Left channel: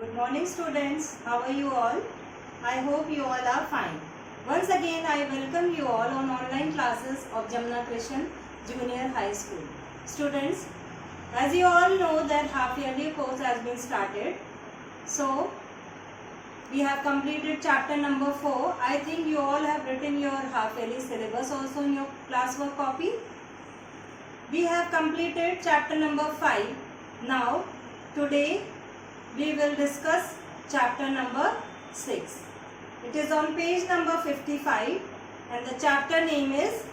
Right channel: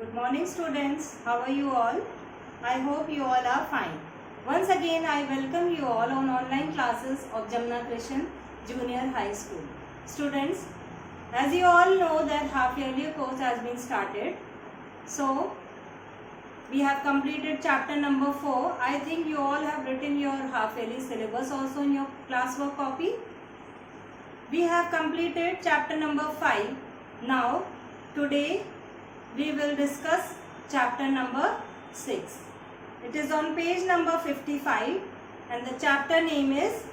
Good morning students. How are you all? I hope you all are fine. Once again I welcome you all on online classes of Jamna Krishan Junior High School. Students, as you all know that half yearly course has been started. So we have completed chapter number 4. I think you all have written your half yearly syllabus also in your classwork copy. We have completed chapter number 5. Now today we will discuss chapter number 6. It is on page number 55 and the chapter name is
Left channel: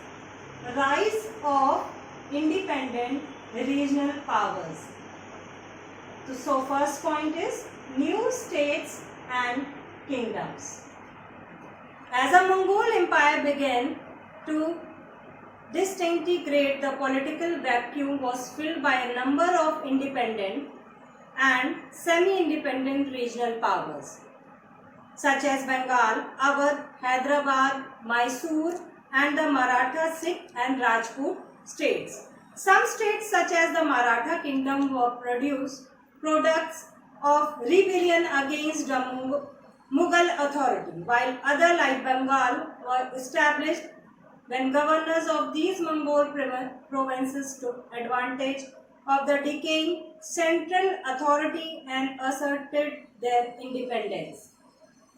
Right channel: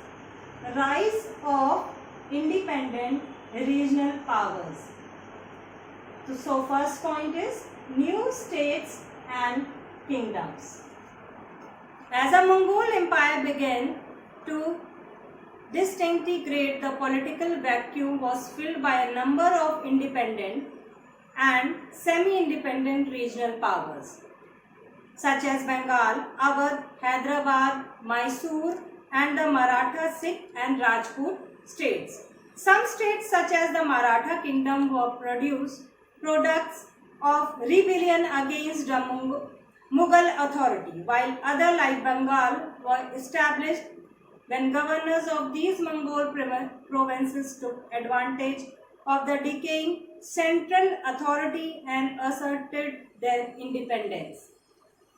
Rise of Independent Regional Powers. So first point is new states and kingdoms. As a Mongol empire began to disintegrate, the political vacuum was filled by a number of independent and semi-independent regional powers such as Bengal, Awadh, Hyderabad, Mysore and the Maratha, Sikh and Rajput states. Some states such as the Maratha kingdom were products of rebellion against the Mughal authority, while other like Bengal were established when governors of these Mongol provinces took advantage of the decaying central authority and asserted their independence.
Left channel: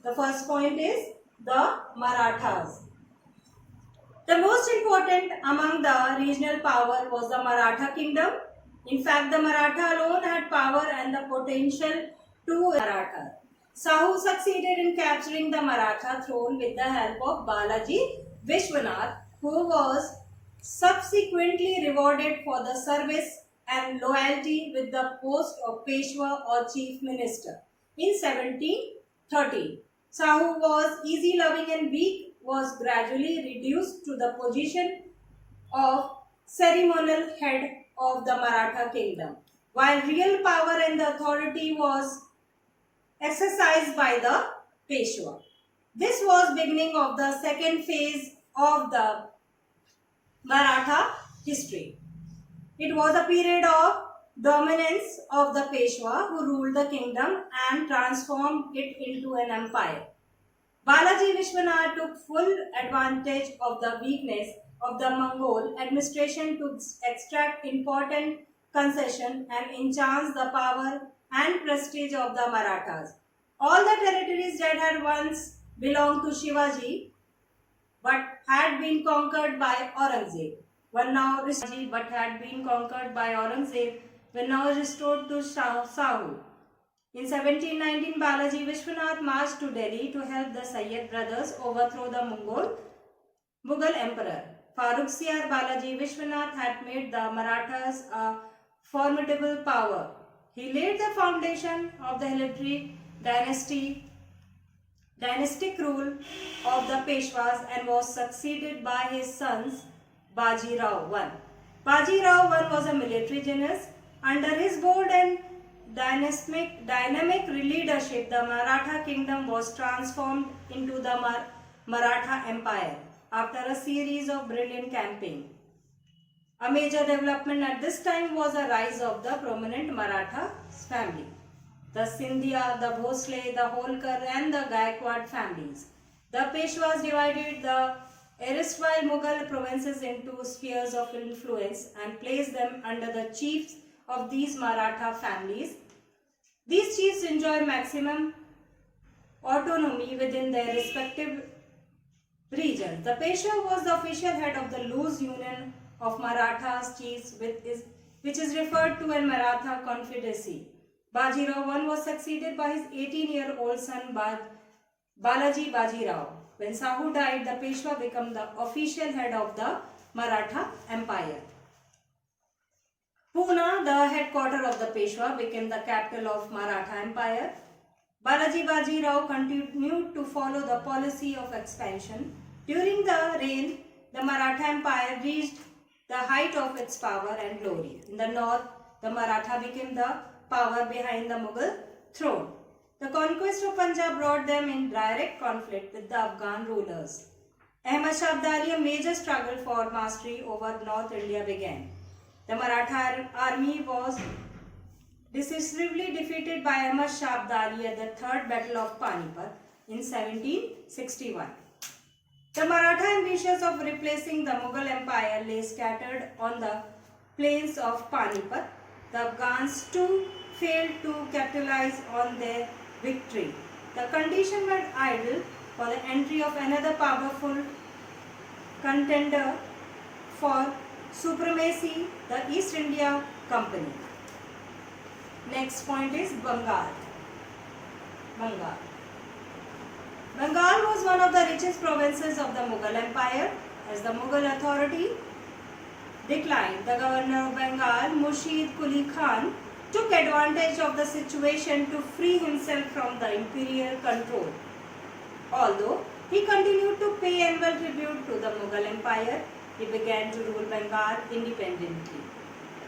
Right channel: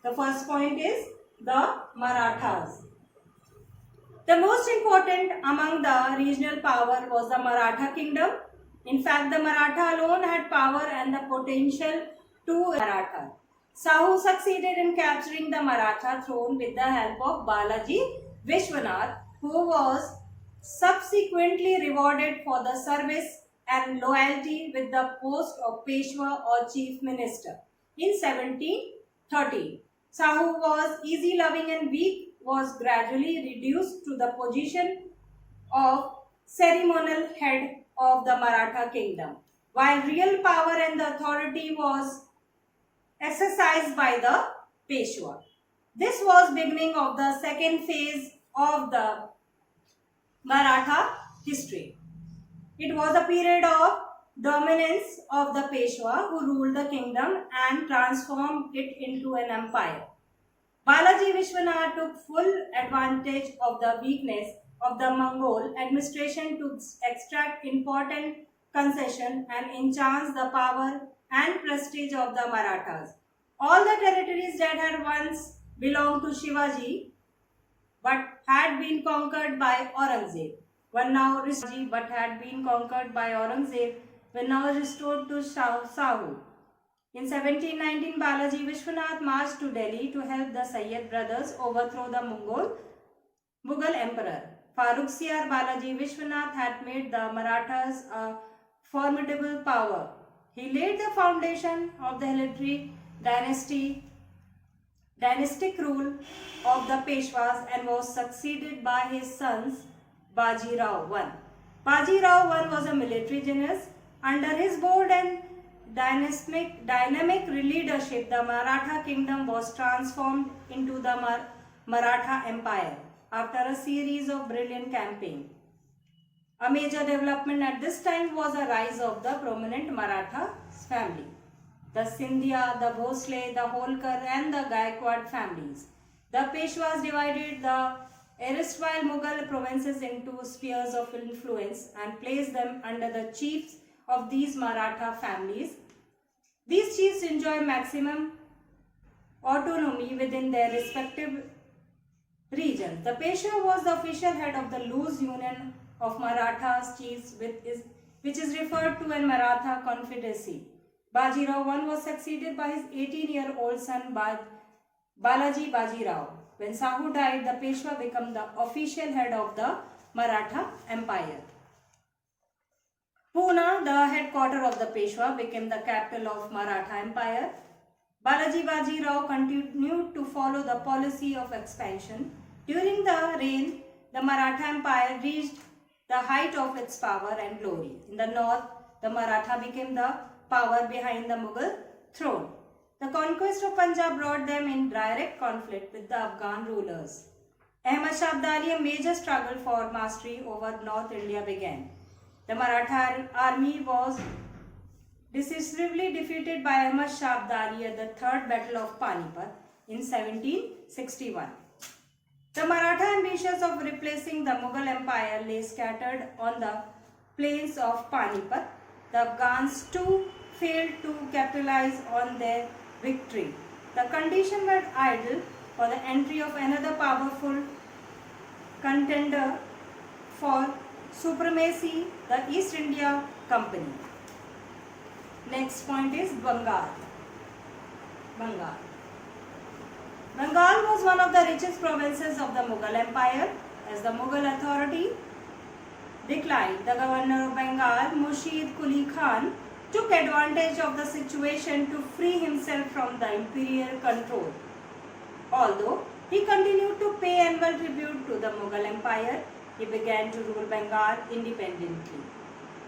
The first point is the Marathas. The most important among the regional power was the Maratha kingdom. In fact, the Maratha alone had power and the potential to Maratha. Sahu succeeded in capturing the Maratha throne with the help of Balaji Vishwanath, who was subsequently rewarded for the service and loyalty with the post of Peshwa or chief minister. In 1730, Sahu was easy-loving and weak, was gradually reduced to the position of ceremonial head of the Maratha kingdom, while real power and the authority was exercised by the Peshwa. This was beginning of the second phase of the Maratha history. It was a period of dominance of the Peshwa who ruled the kingdom and transformed it into an empire. Balaji Vishwanath took full advantage of the weakness of the Mongol administration to extract important concession and enhance the power and prestige of the Marathas. All the territories that had once belonged to Shivaji but had been conquered by Aurangzeb were now restored to Sahu. In 1719, Balaji Vishwanath marched to Delhi to help the Sayyid brothers overthrow the Mughal emperor. Farrukhsiyar Balaji Vishwanath had made the Marathas a formidable power. He laid the foundation of the hereditary dynastic rule of the Peshwas and was succeeded by his sons Baji Rao I. Baji Rao I was a military genius. Under his bold and dynamic leadership, the Maratha kingdom was transformed into the Maratha Empire after a series of brilliant campaigns. A major development at this time was the rise of the prominent Maratha family. The Scindia, the Bhosle, the Holkar and the Gaikwad families. The Peshwas divided the erstwhile Mughal provinces into spheres of influence and placed them under the chiefs of these Maratha families. These chiefs enjoy maximum autonomy within their respective regions. The Peshwa was the official head of the loose union of Marathas chiefs which is referred to as Maratha Confederacy. Baji Rao I was succeeded by his 18-year-old son Balaji Baji Rao. When Sahu died, the Peshwa became the official head of the Maratha Empire. Pune, the headquarters of the Peshwa, became the capital of Maratha Empire. Balaji Baji Rao continued to follow the policy of expansion. During the reign, the Maratha Empire reached the height of its power and glory. In the north, the Maratha became the power behind the Mughal throne. The conquest of Punjab brought them in direct conflict with the Afghan rulers. Ahmad Shah Abdali, a major struggle for mastery over North India began. The Maratha army was decisively defeated by Ahmad Shah Abdali at the Third Battle of Panipat in 1761. The Maratha ambitions of replacing the Mughal Empire lay scattered on the plains of Panipat. The Afghans too failed to capitalize on their victory. The conditions were ideal for the entry of another powerful contender for supremacy, the East India Company. Next point is Bengal. Bengal was one of the richest provinces of the Mughal Empire. As the Mughal authority declined, the governor of Bengal, Murshid Quli Khan, took advantage of the situation to free himself from the imperial control. Although he continued to pay annual tribute to the Mughal Empire, he began to rule Bengal independently.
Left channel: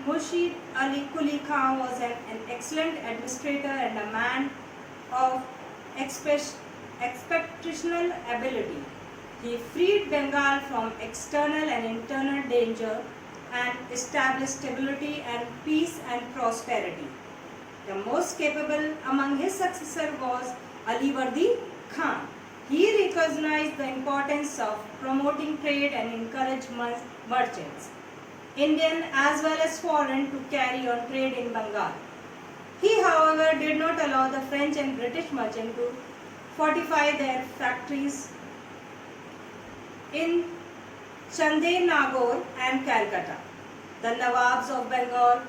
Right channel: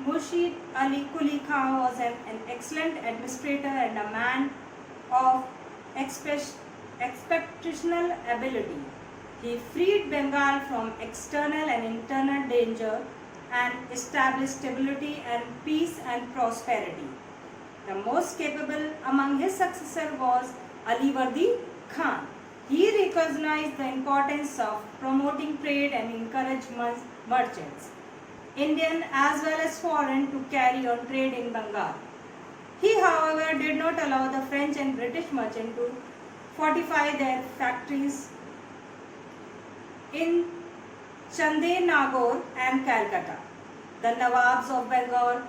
Murshid Ali Quli Khan was an excellent administrator and a man of exceptional ability. He freed Bengal from external and internal danger and established stability and peace and prosperity. The most capable among his successors was Alivardi Khan. He recognized the importance of promoting trade and encouraged merchants, Indian as well as foreign, to carry on trade in Bengal. He, however, did not allow the French and British merchants to fortify their factories in Chandenagore and Calcutta. The Nawabs of Bengal,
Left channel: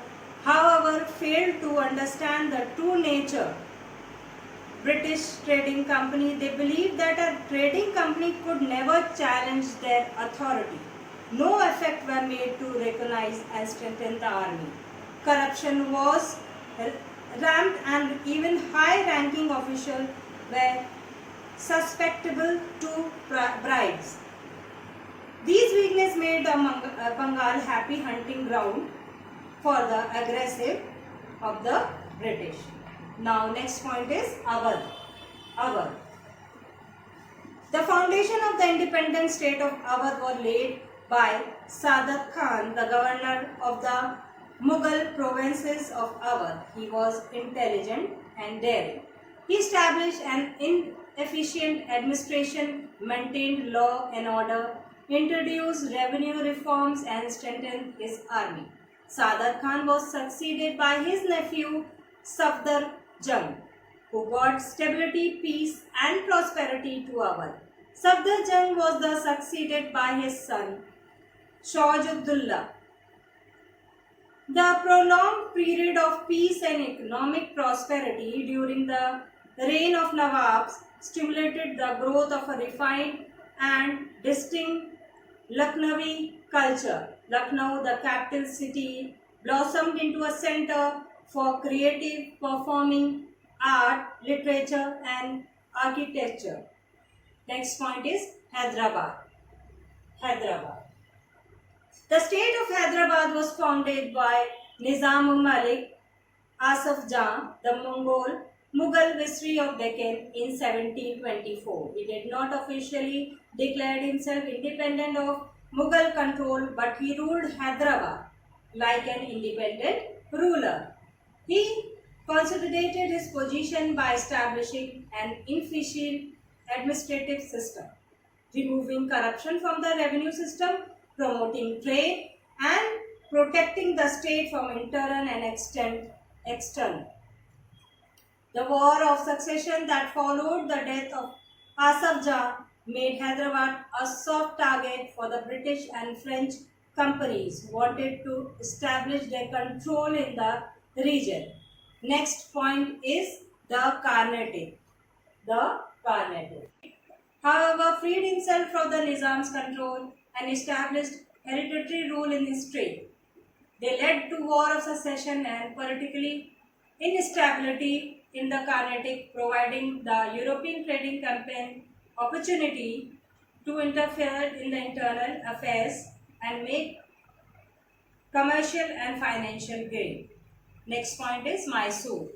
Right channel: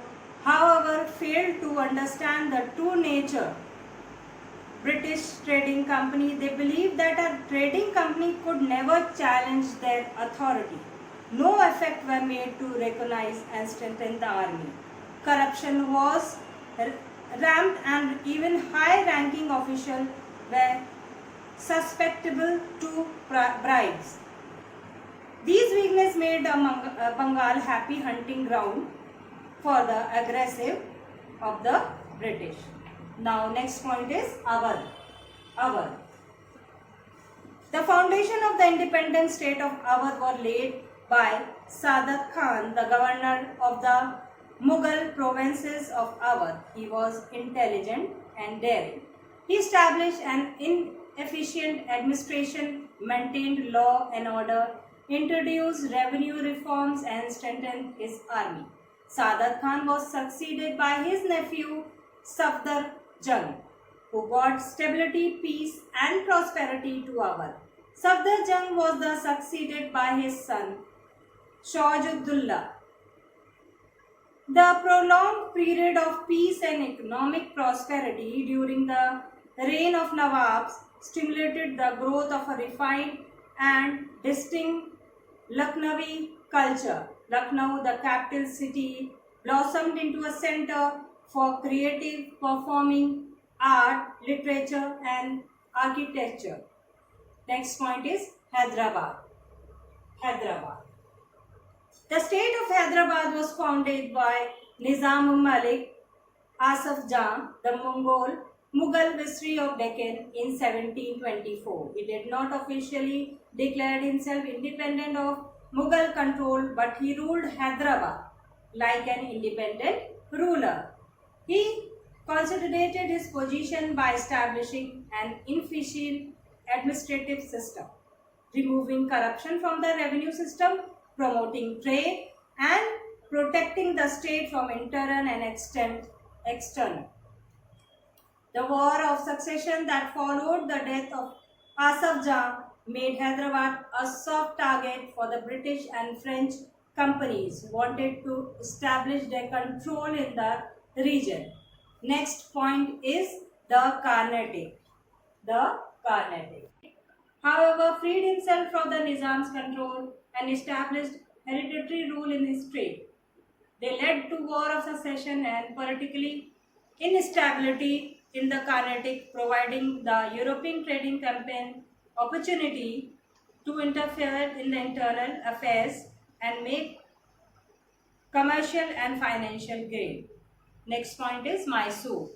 however, failed to understand the true nature British trading company. They believed that a trading company could never challenge their authority. No effort were made to recognize and strengthen the army. Corruption was rampant and even high-ranking officials were susceptible to bribes. These weaknesses made Bengal happy hunting ground for the aggressive of the British. Now next point is Awadh. The foundation of the independent state of Awadh was laid by Saadat Khan, the governor of the Mughal provinces of Awadh. He was intelligent and daring. He established an efficient administration, maintained law and order, introduced revenue reforms and strengthened his army. Saadat Khan was succeeded by his nephew Safdar Jung, who brought stability, peace and prosperity to Awadh. Safdar Jung was succeeded by his son Shauj-ud-Dawla. The prolonged period of peace and economic prosperity during the reign of Nawabs stimulated the growth of a refined and distinct Lucknowi culture. Lucknow, the capital city, blossomed into a center for creative performing art, literature and architecture. Next point is Hyderabad. The state of Hyderabad was founded by Nizam-ul-Malik Asaf Jah, the Mughal Viceroy of Deccan, in 1724. He did not officially declare himself independent of Mughal control, but he ruled Hyderabad like an independent ruler. He consolidated his position by establishing an efficient administrative system, removing corruption from the revenue system, promoting trade and protecting the state from internal and external. The war of succession that followed the death of Asaf Jah made Hyderabad a soft target for the British and French companies who wanted to establish their control in the region. Next point is the Carnatic. However, freed himself from the Nizam's control and established hereditary rule in his state. They led to war of succession and political instability in the Carnatic, providing the European trading company opportunity to interfere in the internal affairs and make commercial and financial gain. Next point is Mysore.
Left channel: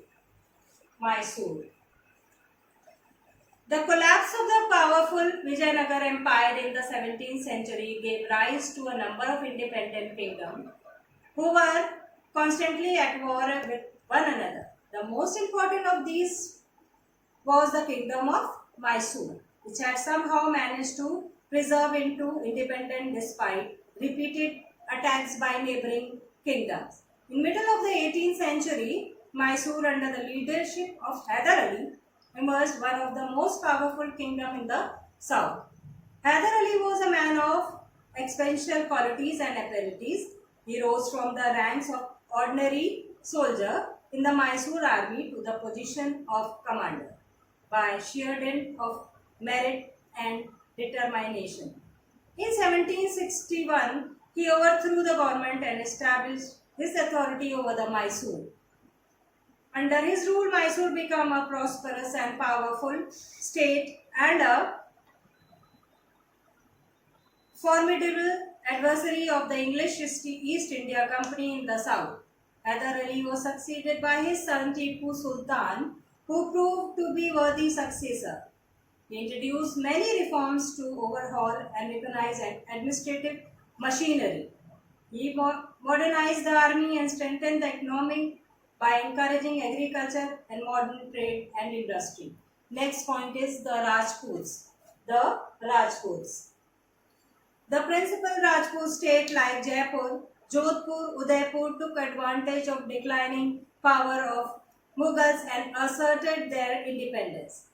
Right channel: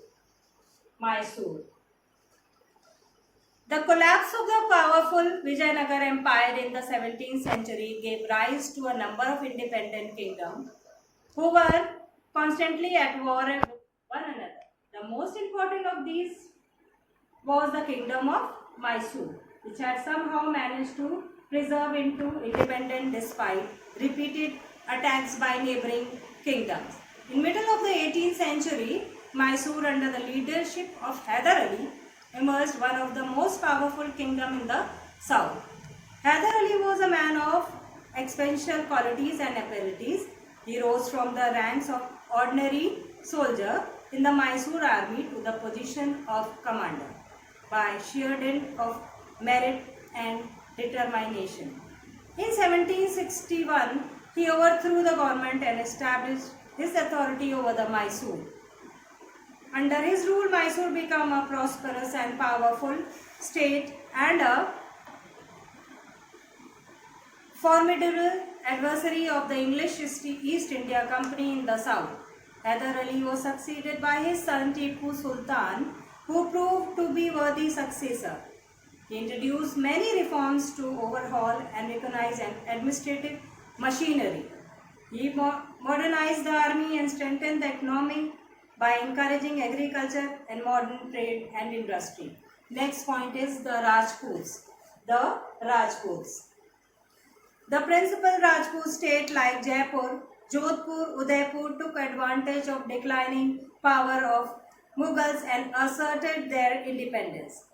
The collapse of the powerful Vijayanagar Empire in the 17th century gave rise to a number of independent kingdoms who were constantly at war with one another. The most important of these was the kingdom of Mysore, which had somehow managed to preserve into independence despite repeated attacks by neighboring kingdoms. In middle of the 18th century, Mysore under the leadership of Hyder Ali emerged one of the most powerful kingdom in the south. Hyder Ali was a man of exceptional qualities and abilities. He rose from the ranks of ordinary soldier in the Mysore army to the position of commander by sheer dint of merit and determination. In 1761, he overthrew the government and established his authority over the Mysore. Under his rule, Mysore became a prosperous and powerful state and a formidable adversary of the English East India Company in the south. Hyder Ali was succeeded by his son Tipu Sultan, who proved to be worthy successor. He introduced many reforms to overhaul and mechanize administrative machinery. He modernized the army and strengthened the economy by encouraging agriculture and modern trade and industry. Next point is the Rajputs. The Rajputs. The principal Rajput state like Jaipur, Jodhpur, Udaipur took advantage of declining power of Mughals and asserted their independence.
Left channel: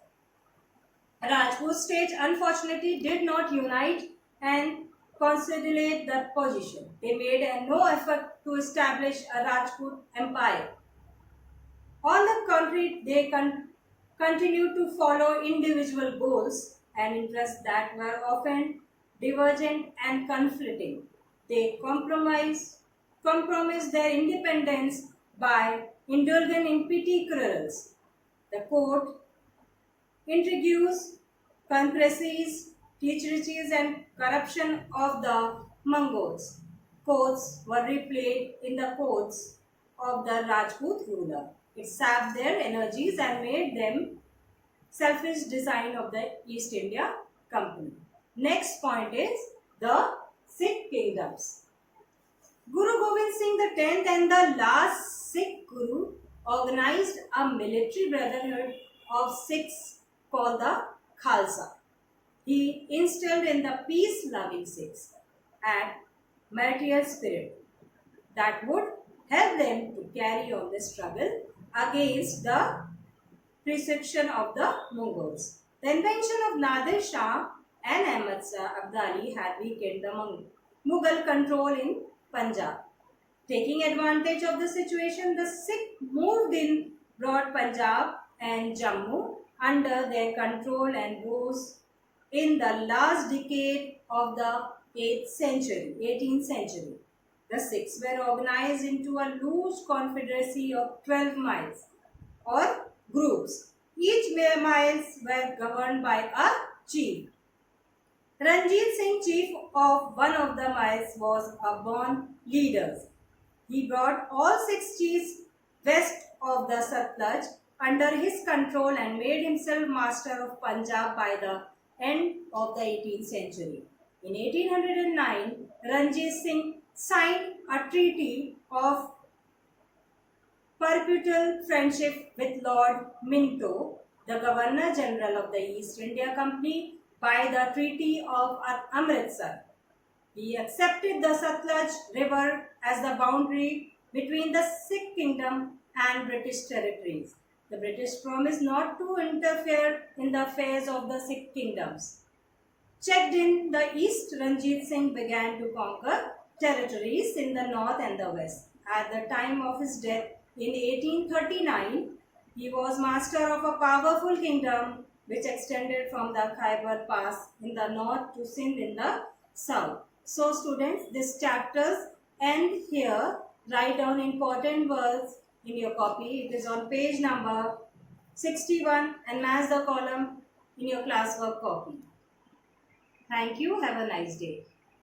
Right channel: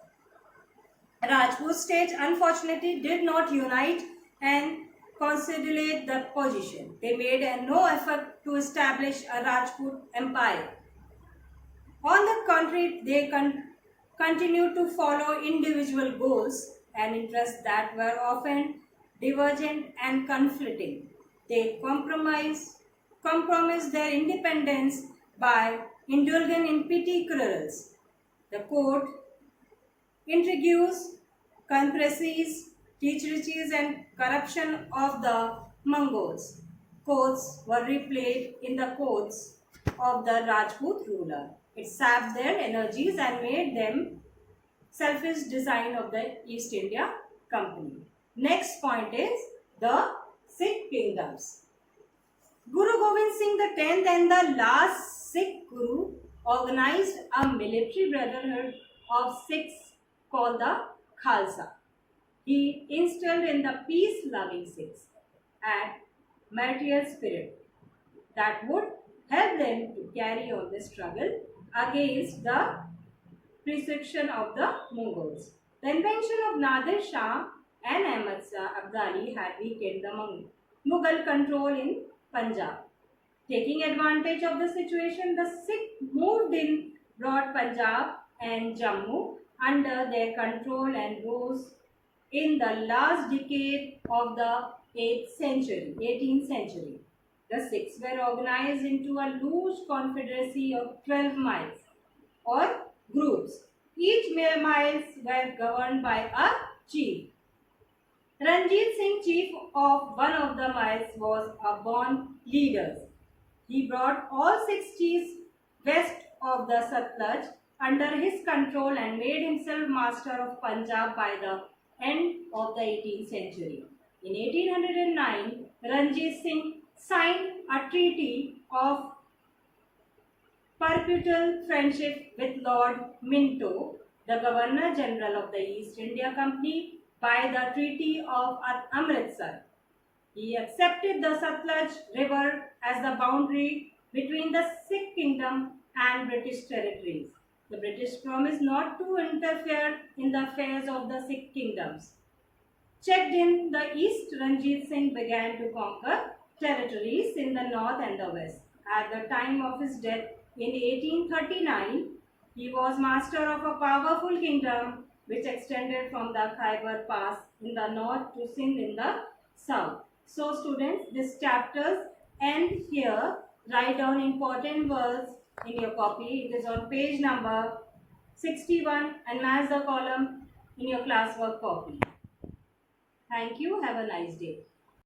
Rajput state unfortunately did not unite and consolidate the position. They made no effort to establish a Rajput empire. On the contrary, they continued to follow individual goals and interests that were often divergent and conflicting. They compromised their independence by indulging in petty quarrels. The court intrigues, conspiracies, treacheries, and corruption of the Mongols. Courts were replayed in the courts of the Rajput ruler. It sapped their energies and made them selfish design of the East India Company. Next point is the Sikh kingdoms. Guru Gobind Singh X and the last Sikh Guru organized a military brotherhood of Sikhs called the Khalsa. He instilled in the peace-loving Sikhs and martial spirit that would help them to carry on the struggle against the persecution of the Mongols. The invention of Nadir Shah and Ahmad Shah Abdali had weakened the Mughal control in Punjab. Taking advantage of the situation, the Sikh moved in broad Punjab and Jammu under their control and rose in the last decade of the 18th century. The Sikhs were organized into a loose confederacy of 12 miles or groups. Each miles were governed by a chief. Ranjit Singh, chief of one of the miles, was a born leader. He brought all 6 chiefs west of the Satluj under his control and made himself master of Punjab by the end of the 18th century. In 1809, Ranjit Singh signed a treaty of perpetual friendship with Lord Minto, the Governor General of the East India Company, by the Treaty of Amritsar. He accepted the Satluj River as the boundary between the Sikh kingdom and British territories. The British promised not to interfere in the affairs of the Sikh kingdoms. Checked in the east, Ranjit Singh began to conquer territories in the north and the west. At the time of his death in 1839, he was master of a powerful kingdom which extended from the Khyber Pass in the north to Sindh in the south. So students, this chapters end here. Write down important words in your copy. It is on page number 61 and match the column in your classwork copy. Thank you. Have a nice day.